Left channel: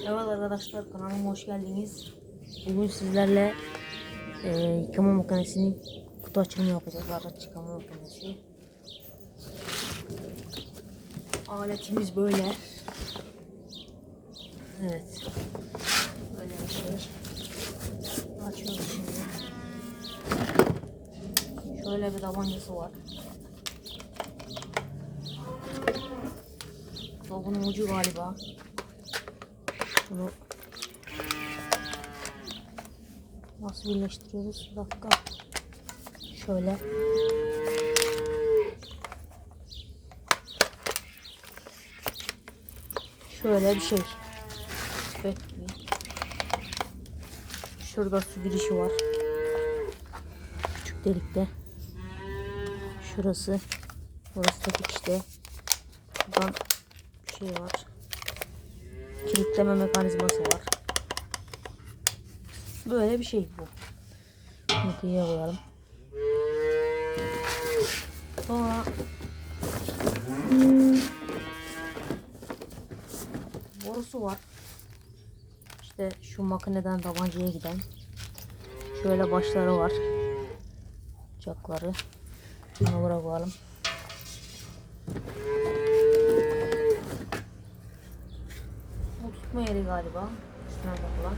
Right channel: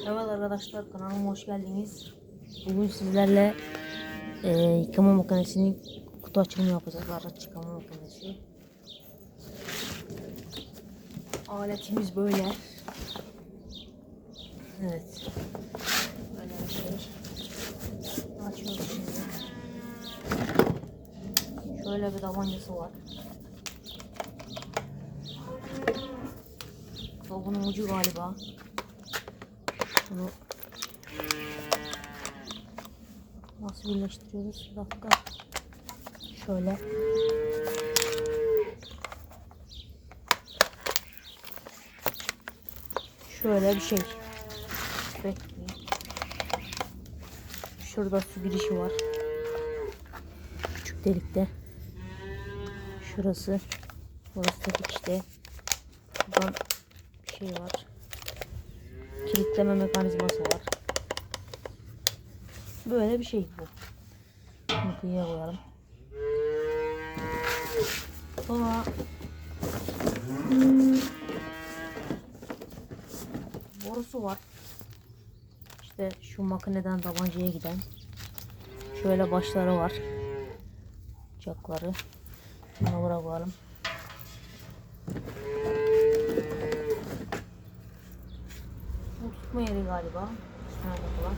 Evet arkadaşlar kanalıma hoş geldiniz. Bugün sizlerle e, yıkama makinesinin kutu açılımı yapacağız. Araç yıkama makinesi. Aletimiz böyle. Evet. Böyle bir şey. Açıyoruz şimdi. Şöyle bir tabancası var. Bu bunun ucu galiba. Bunu nasıl birleştiriyoruz? Bir dakika. Şöyle. Şöyle bir şey. Bekleyin. Şurada su girişi var. Küçük delikte. Şurası. Burası da işte. Buradan şey var. Kilitleme mekanizması var. Böyle bir şey bu. Kutuya koyalım. Sonra borusu var. İşte şu makineden tabancaya giden. Şöyle başları var. Çakları. Bunu buraya koyalım. Bu tutma yeri galiba. Üstüne takılan.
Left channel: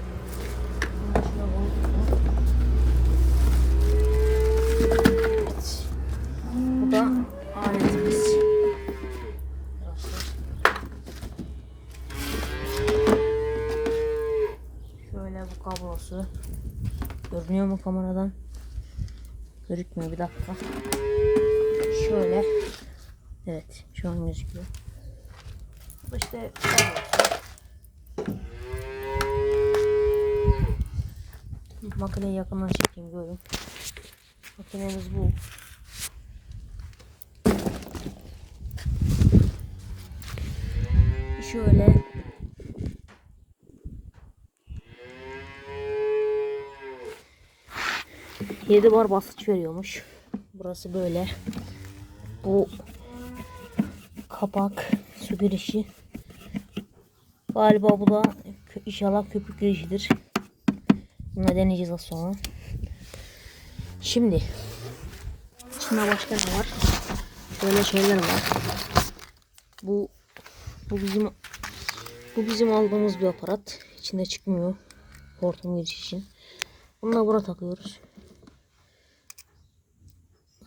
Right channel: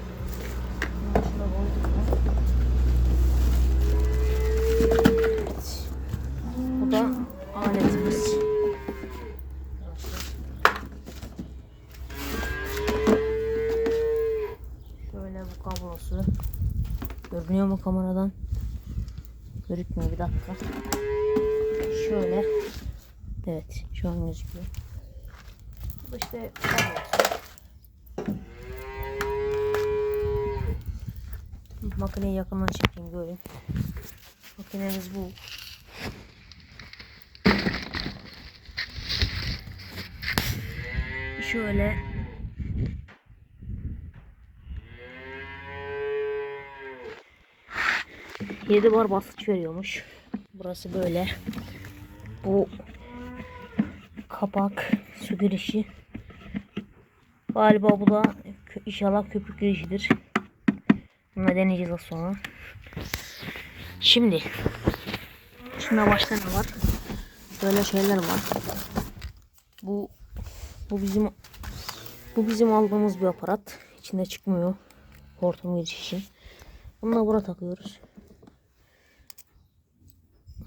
Bunu şuna koyduk mu? Bu da aletimiz. Şöyle bu kablosu. Görünüyor mu kameradan? Görükmüyor bir dakika. Şöyle. Evet şu an gözüküyor. Bu da işte kablosu. Makineyi yakından çekeyim görün. Makinemiz bu. Şöyle Yedi bar basınç veriyormuş. Burası böyle. Bu kapak su girişi. Galiba bu da inşallah köpük girişidir. Bunu deneyeceğiz az sonra. Şimdi içinde başka ne var? Şöyle şeyler var. Bu bu bizim bu bizim aldığımız bir aparat. İçinde çıkmıyor. Hortum giriş için. Bunu da buraya takıyoruz.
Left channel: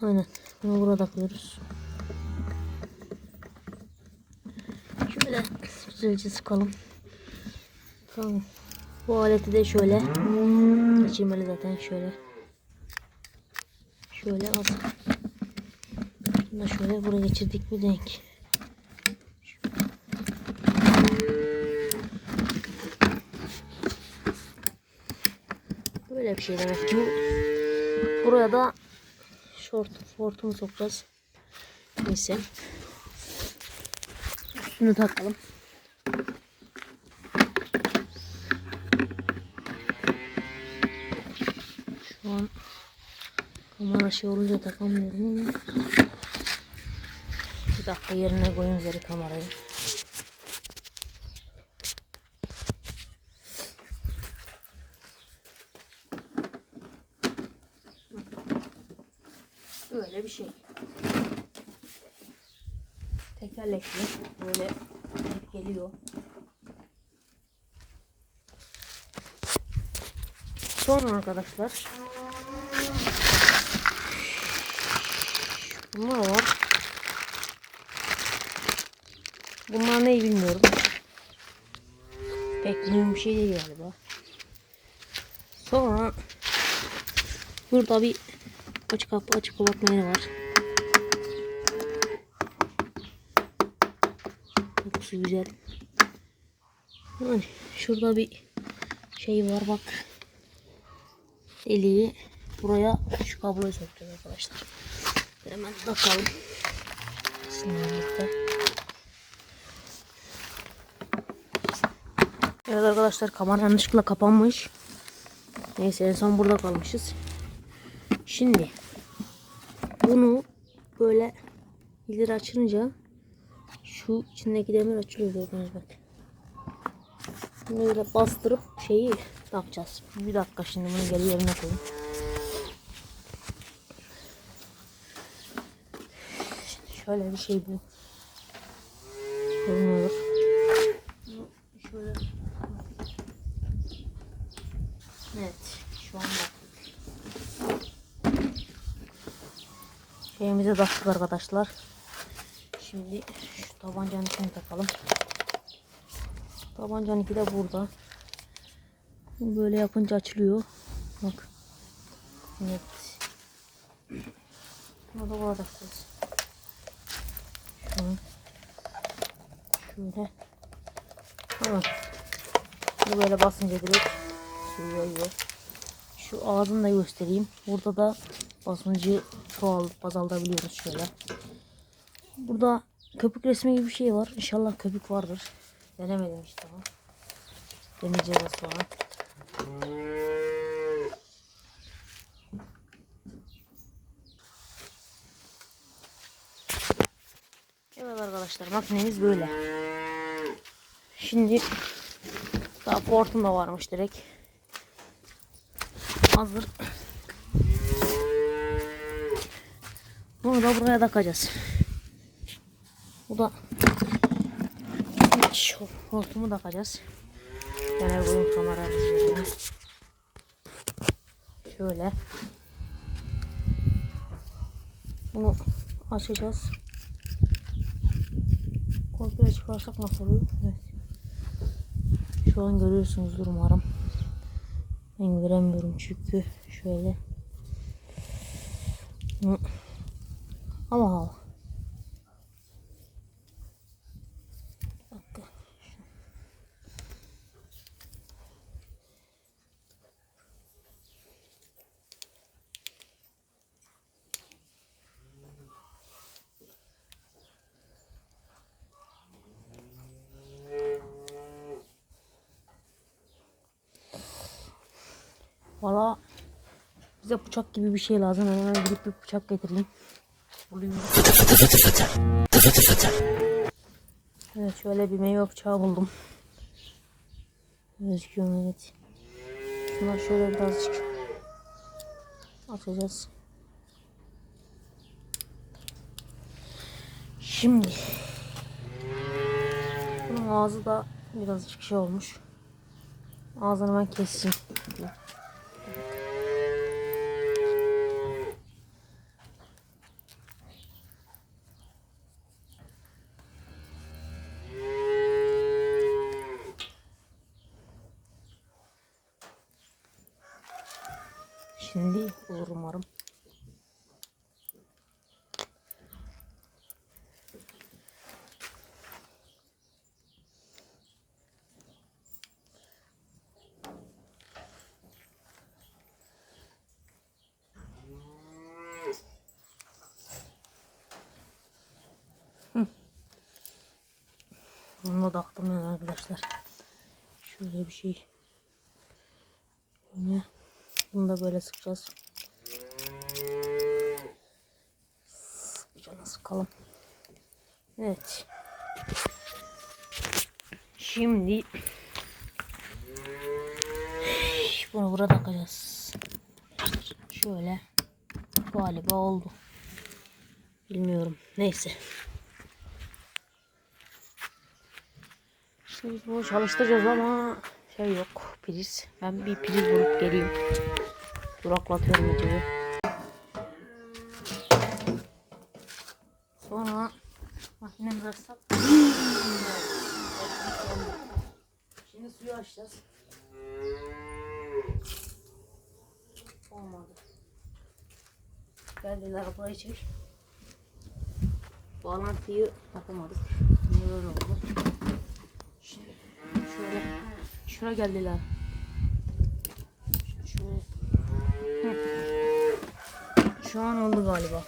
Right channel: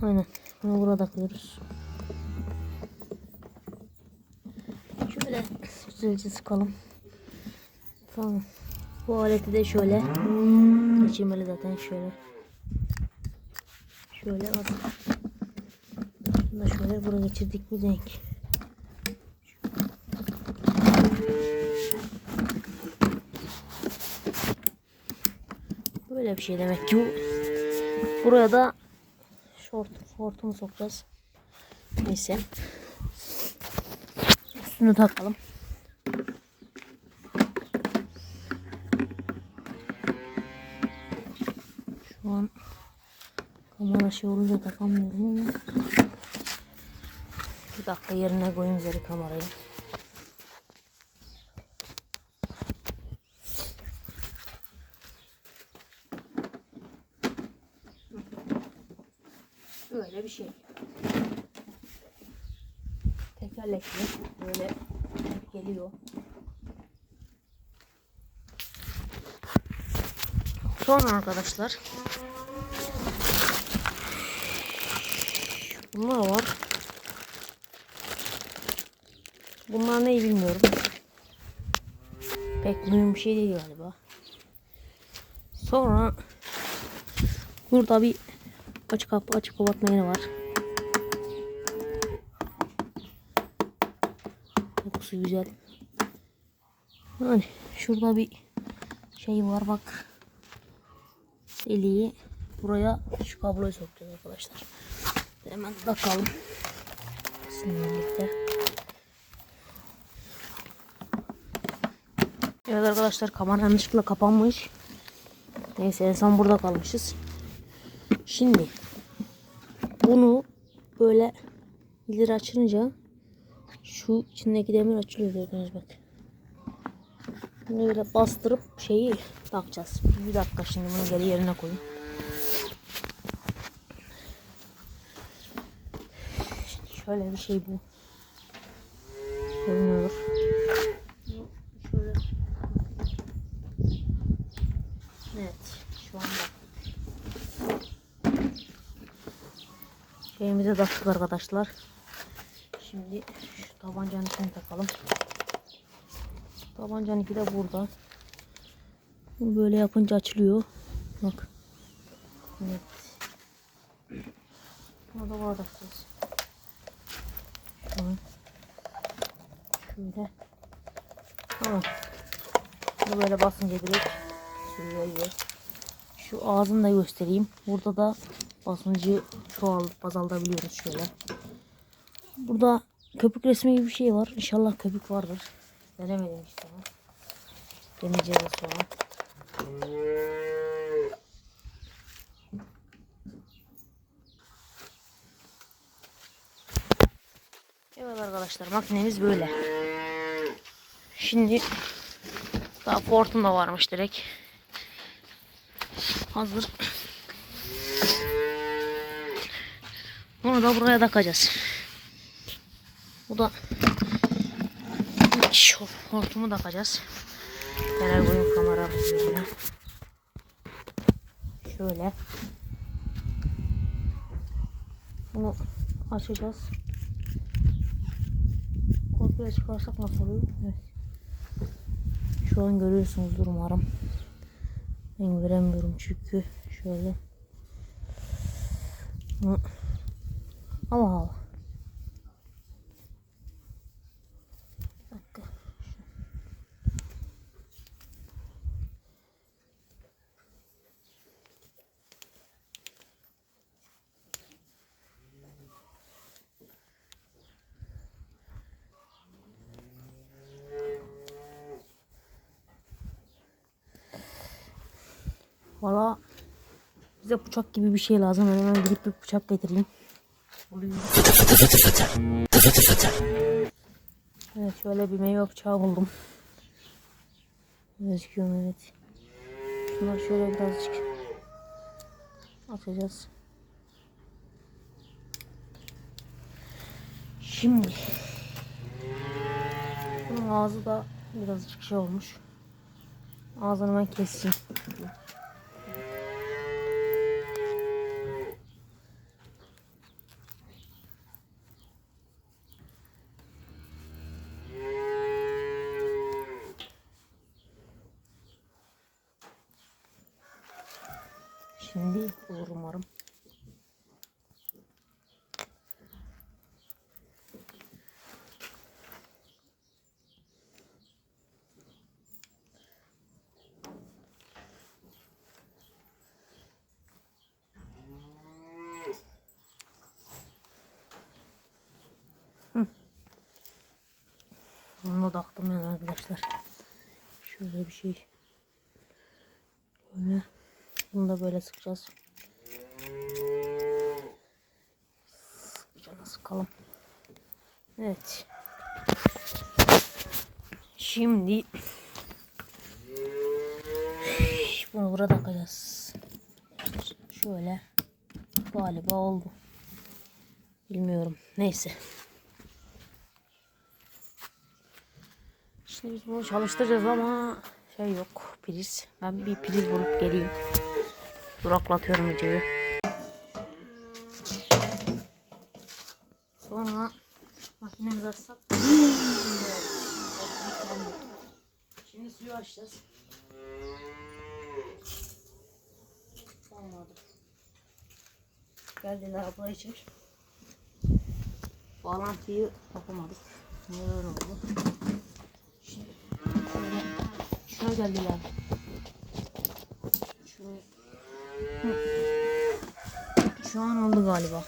Aynen. Bunu buraya takıyoruz. Şöyle güzelce sıkalım. Tamam. Bu aleti de şöyle geçirmeli zaten şöyle. Şöyle az. Bunu da şöyle buraya geçirdik mi denk. Böyle bir şey demek ki. bu. Buraya da şort, hortumu sokacağız. Neyse. Üstünü takalım. Şu an kamera şey olunca takamıyorum ama bir dakika yerine koyun üzeri kamerayı. Böyle bir şey. Tekerlekli böyle geliyor. Sonra arkadaşlar bunlar var. Bunlar ne bilmiyorum. Pek mühim bir şey değil galiba. Sonra burada bir açık kapı açık kapatma yeri var. Kokusu güzel. Yani şurada bir şey var bak. Deliği buraya şu kabloyu sokacağız arkadaşlar. Hemen birlikte. Evet arkadaşlar kamera yanlışlıkla kapanmış. Neyse en son burada kalmışız. Şimdi bunu böyle ileri açınca şu içindeki demir açılıyor gördüğünüz bak. Böyle bastırıp şeyi takacağız. Bir dakika şimdi bunu geri yerine koyayım. Şimdi şöyle bir şey bu. Görünüyor. Evet. Şu anda. Şeyimize taktık arkadaşlar. Şimdi şu tabancanın içine takalım. Tabancanın iki de burada. Bunu Böyle yapınca açılıyor. Bak. Evet. Buna da var takacağız. Şu. Şöyle. Tamam. Bunu böyle basınca direkt sürüyor. Şu ağzını da göstereyim. Burada da basıncı çoğal azaltabiliyoruz şöyle. Burada köpük resmi gibi bir şey var. İnşallah köpük vardır. Denemedim işte ama. Deneyeceğiz sonra. Evet arkadaşlar makinemiz böyle. Şimdi daha portum da varmış direkt. Hazır. Bunu da buraya takacağız. Bu da şu hortumu takacağız. Genel boyun kamera. Şöyle. Bunu açacağız. Komple çıkarsak nasıl oluyor? Evet. Şu an görüyorsunuzdur umarım. Ben göremiyorum çünkü şöyle. Ama hava. Bir dakika. Valla bize bıçak gibi bir şey lazım. Hemen gidip bir bıçak getireyim. Evet şöyle bir meyve bıçağı buldum. Gözüküyor evet. Şuna şöyle birazcık atacağız. Şimdi bunun ağzı da birazcık şey olmuş. Ağzını ben keseyim. Şimdi olur umarım. Hı. Bunu da taktım yani arkadaşlar. Şöyle bir şey. Böyle. Bunu da böyle sıkacağız. Sıkacağız sıkalım. Evet. Şimdi bunu burada takacağız. Şöyle galiba oldu. Bilmiyorum. Neyse. Şimdi bunu çalıştıracağız ama şey yok priz. Ben bir priz bulup geleyim. Duraklatıyorum videoyu. Sonra makinemizi açsak. Şimdi suyu açacağız. Olmadı. Geldiler burayı çek. Bağlantıyı yapamadık. Neden oldu? Şimdi şöyle şuna geldiler. şu an oldu galiba.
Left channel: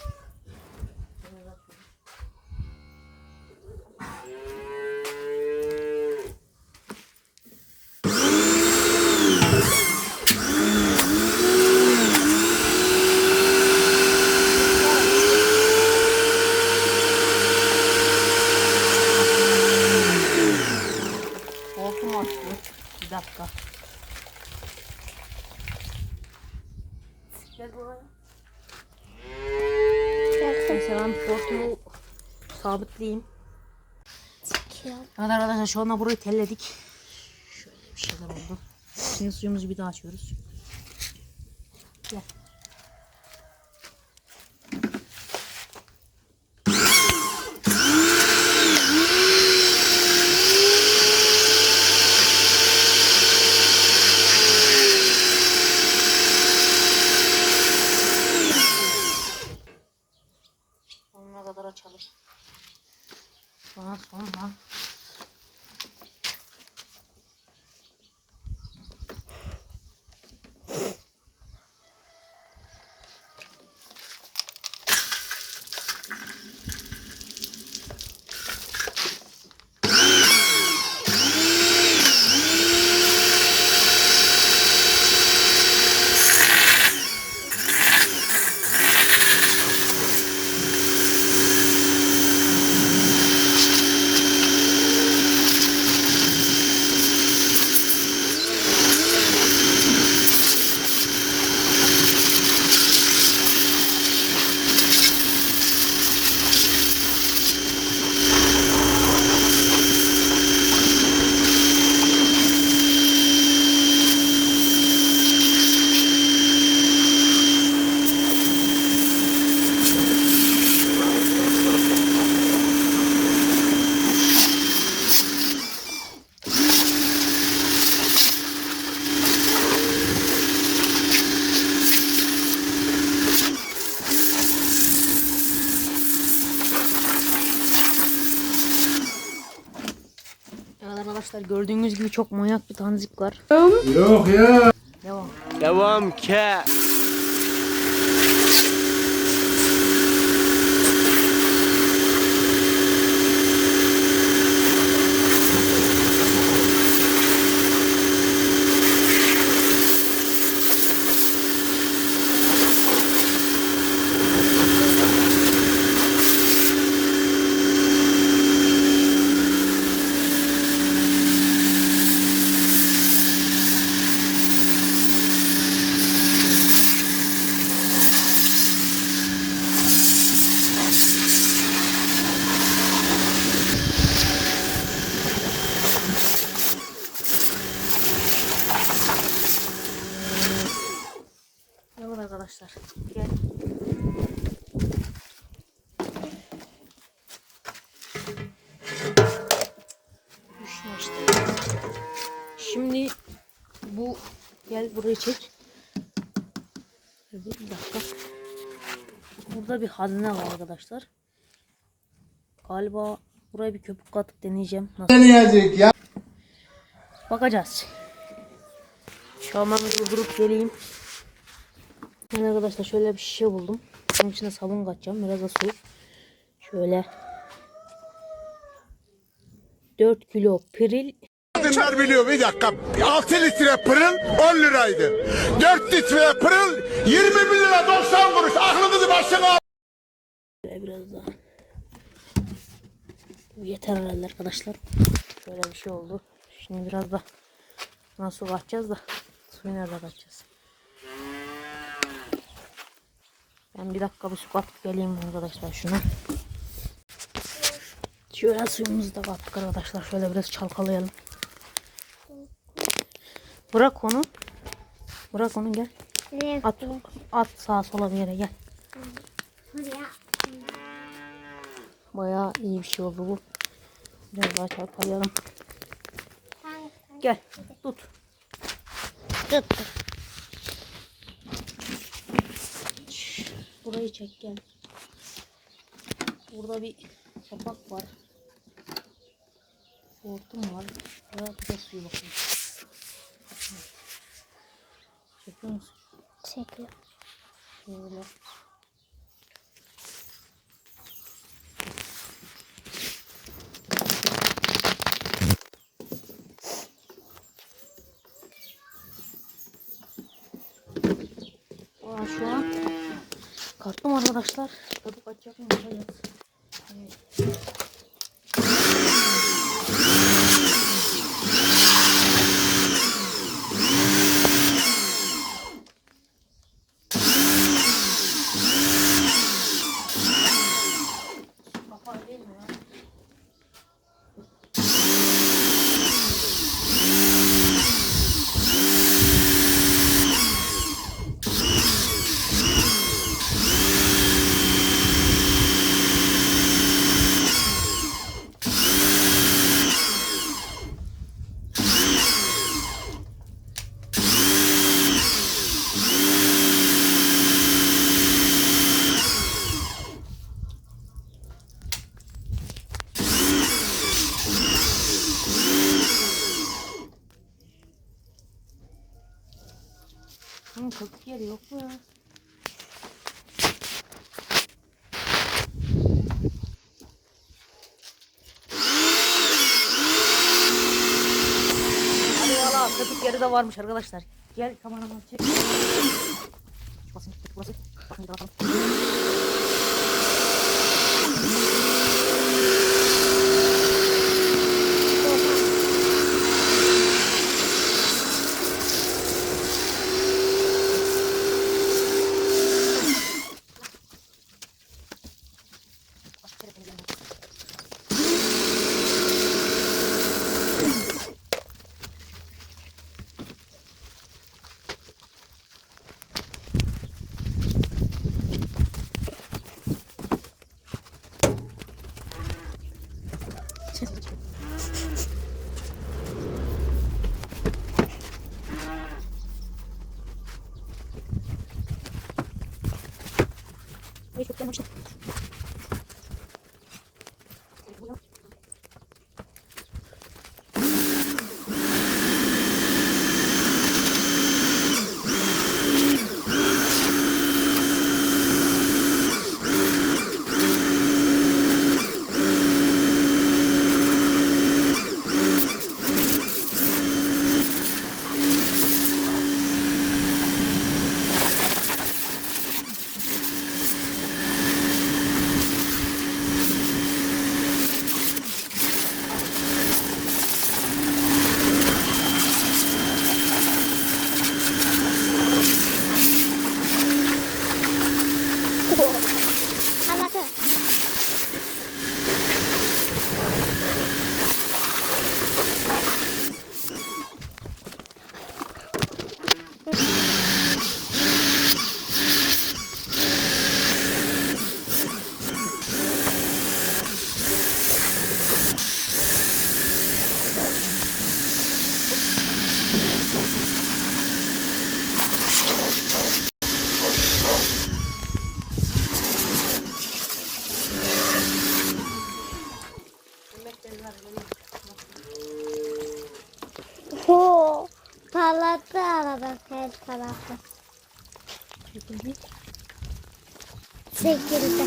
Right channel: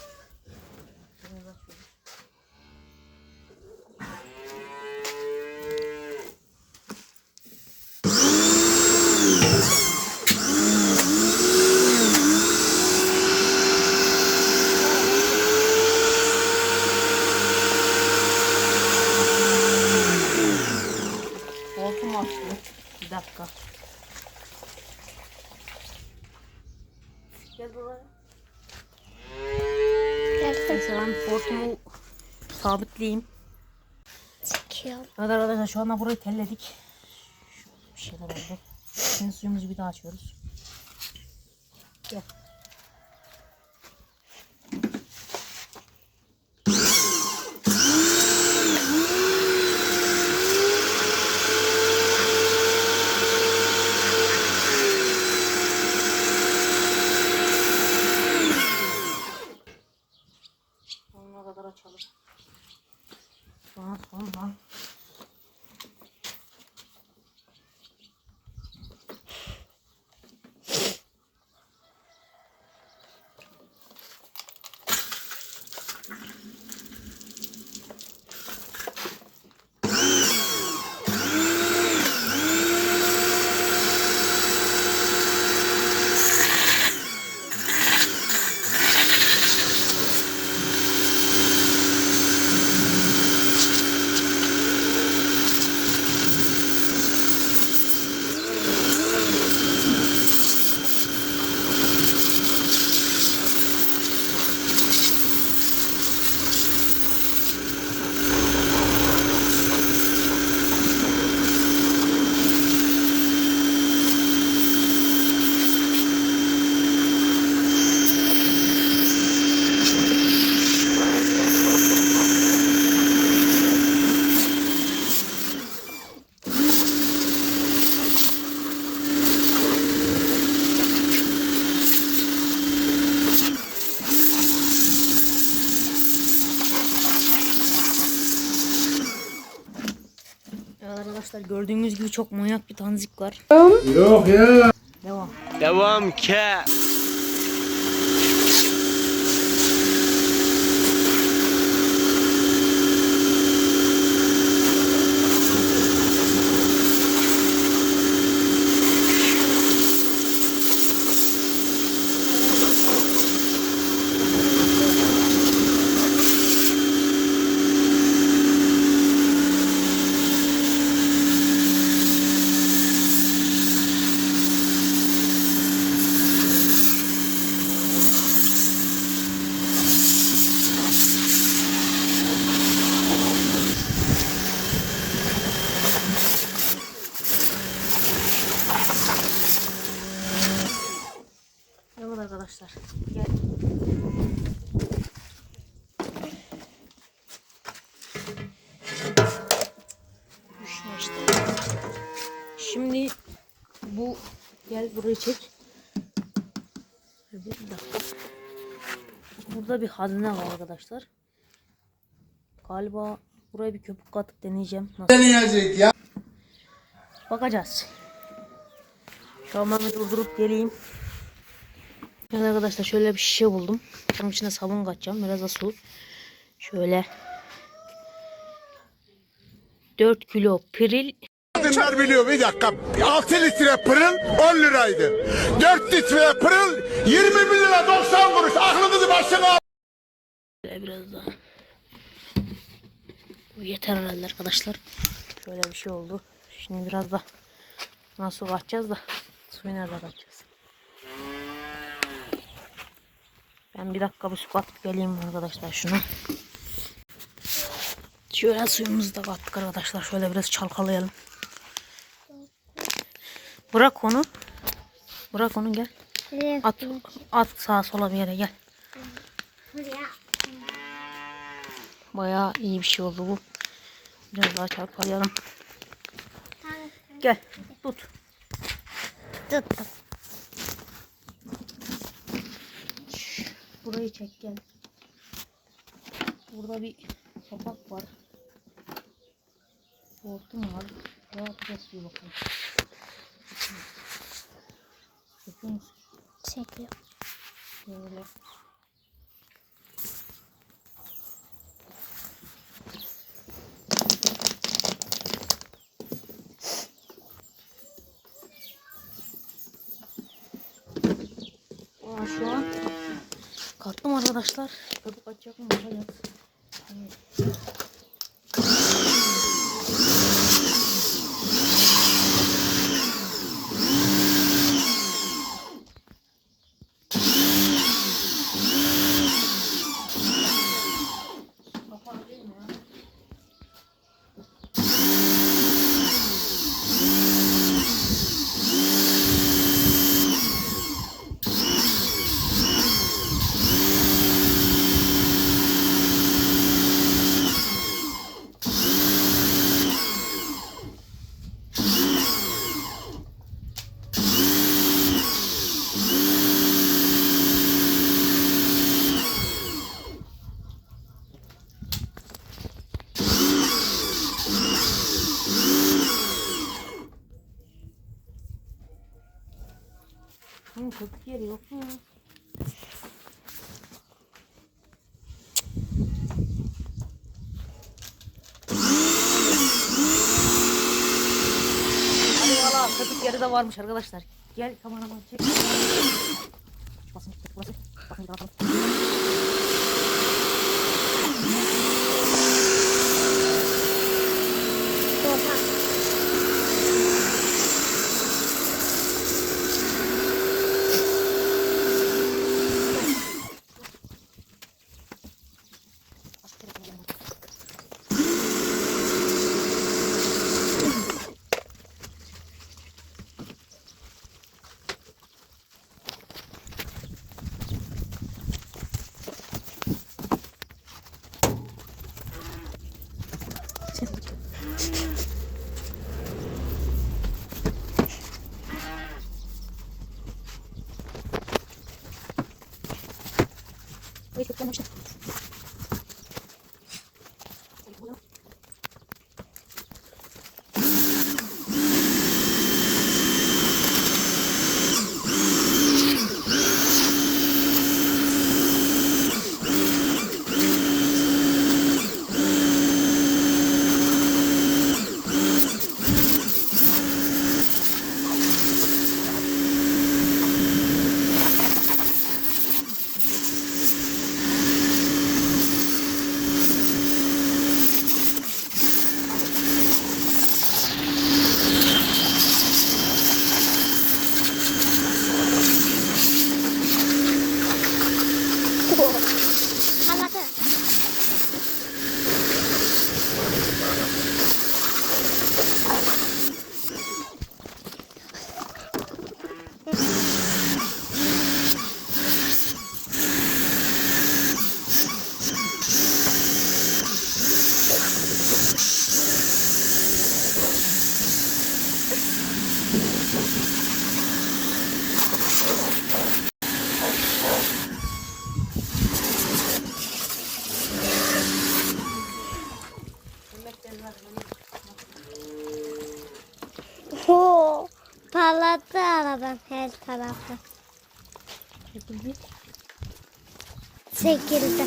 Olsun açtı. Bir dakika. Gel buraya. Mesela ben hortumu sabitleyeyim. Çekiyorum. Evet arkadaşlar şu anda burayı telledik. Şöyle bir şeyler oldu. Şimdi suyumuzu bir daha açıyoruz. Gel. Sonuna kadar açalım. Sonra sonra. Evet arkadaşlar gibi çok manyak bir tanzik var. Yok ya. Devam. Devam ke. Evet arkadaşlar. İşte. Şimdi bu gel burayı çek. Bir dakika. Burada bir hazine var arkadaşlar. Galiba buraya bir köpük katıp deneyeceğim. Nasıl? Deneyecek ya. Bakacağız. Bir durdurup geleyim. Evet arkadaşlar şöyle bir şişe buldum. Onun içine sabun katacağım. Biraz da su. Şöyle. 4 kilo piril. Kadınlar biliyor bir dakika. 6 litre pırıl 10 liraydı. 4 litre pırıl 21 lira 90 kuruş. Aklınızı başına al. Biraz daha. Bu yeter herhalde arkadaşlar. Şöyle bir şey oldu. Şimdi biraz da nasıl katacağız da suyu nerede katacağız? Ben bir dakika bir su katıp geleyim arkadaşlar şuna. Şöyle suyumuzu da kattık arkadaşlar. Şöyle biraz çalkalayalım. Bırak onu. Bırak onu gel. At, at sağa sola bir yere gel. Bayağı iyi bir şey oldu bu. Biraz daha çarpalayalım. Gel tut. Tut. Burayı çek gel. Burada bir kapak var. Hortum var. Ya bir de suyu bakayım. Çekiyor musun? Çekiyor. Böyle. Aa, şu an korktum arkadaşlar. Köpük açacak mı? Evet. Köpük yeri yok mu köpük yeri de varmış arkadaşlar. Gel kameraman çek. Basın basın. Bakın bir bakalım. Oha. Ve çok yamaçlı. Anladım. Oo, parlattı araban her tarafı. Çekildi.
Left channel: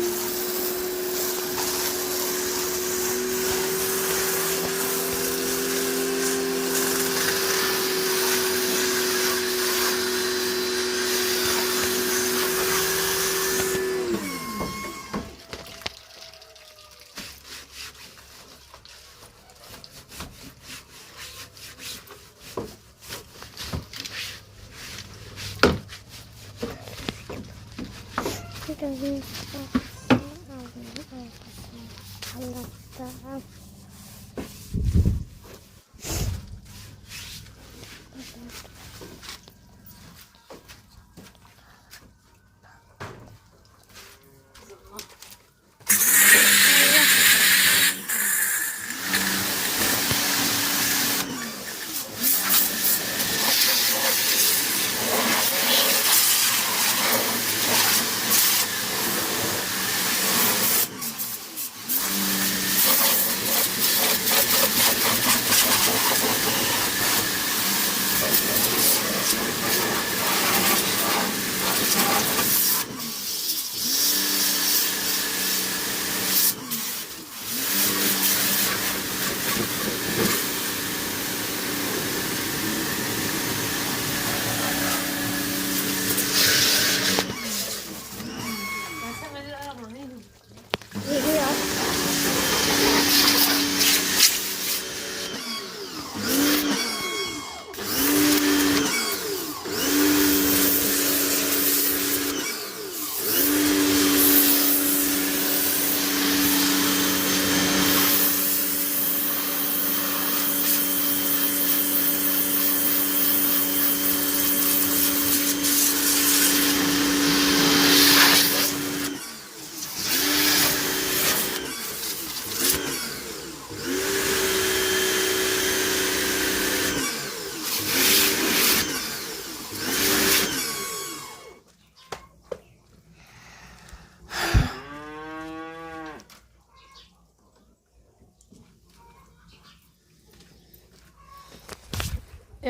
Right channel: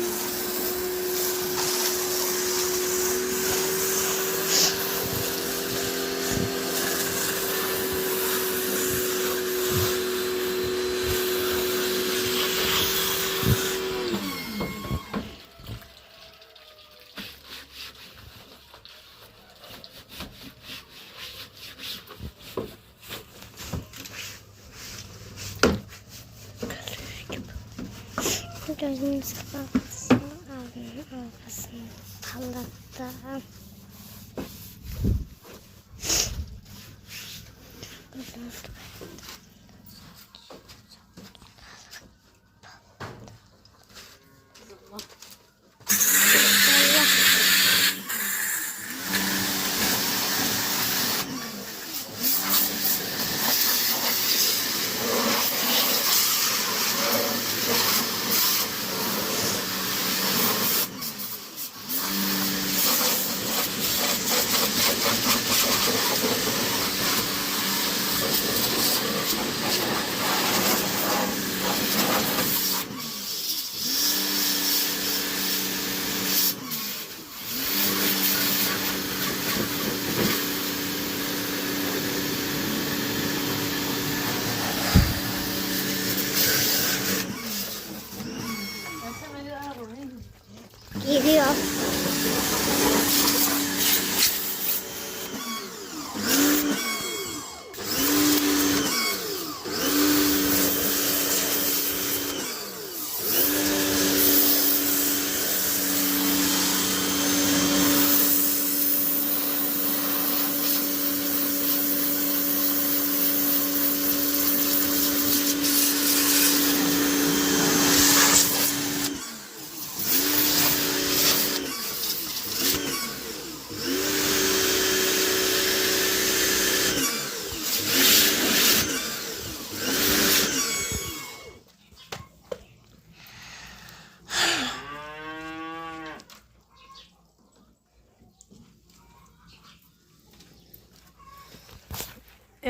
여기 사봤어? 아, 응, 응, 봤습니다. 반갑다.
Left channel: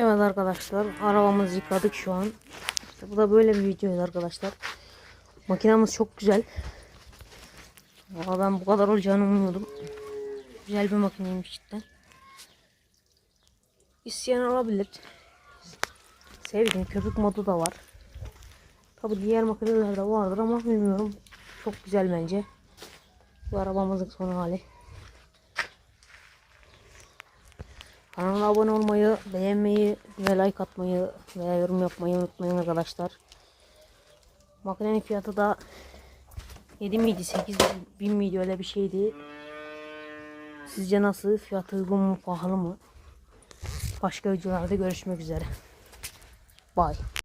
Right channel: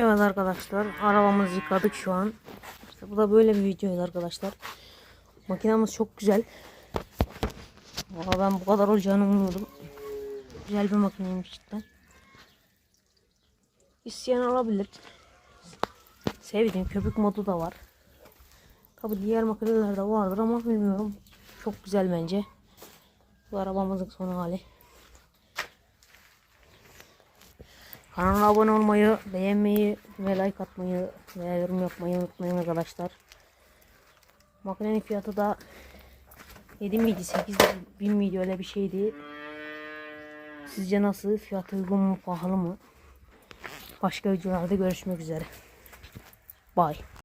Evet arkadaşlar arabamızı yıkadık şu an. Bu da böyle bir videoydu arkadaşlar. Makinamız çok güzel. Valla ben bu kadar olacağını umuyordum. Güzel bir makineymiş cidden. İsteyen alabilir. Sevdiğim köpük modu da var. Tabi diğer makinelerde vardır ama bilmiyorum. Çok güzel bence. Bu arabamızın son hali. Kanala abone olmayı, beğenmeyi ve like atmayı veya yorum yapmayı unutmayın arkadaşlar. Makinenin fiyatı da 7 miydi 8 bin miydi öyle bir şeydi. Sizce nasıl? Fiyatı uygun mu pahalı mı? Başka videolarda görüşmek üzere. Bye.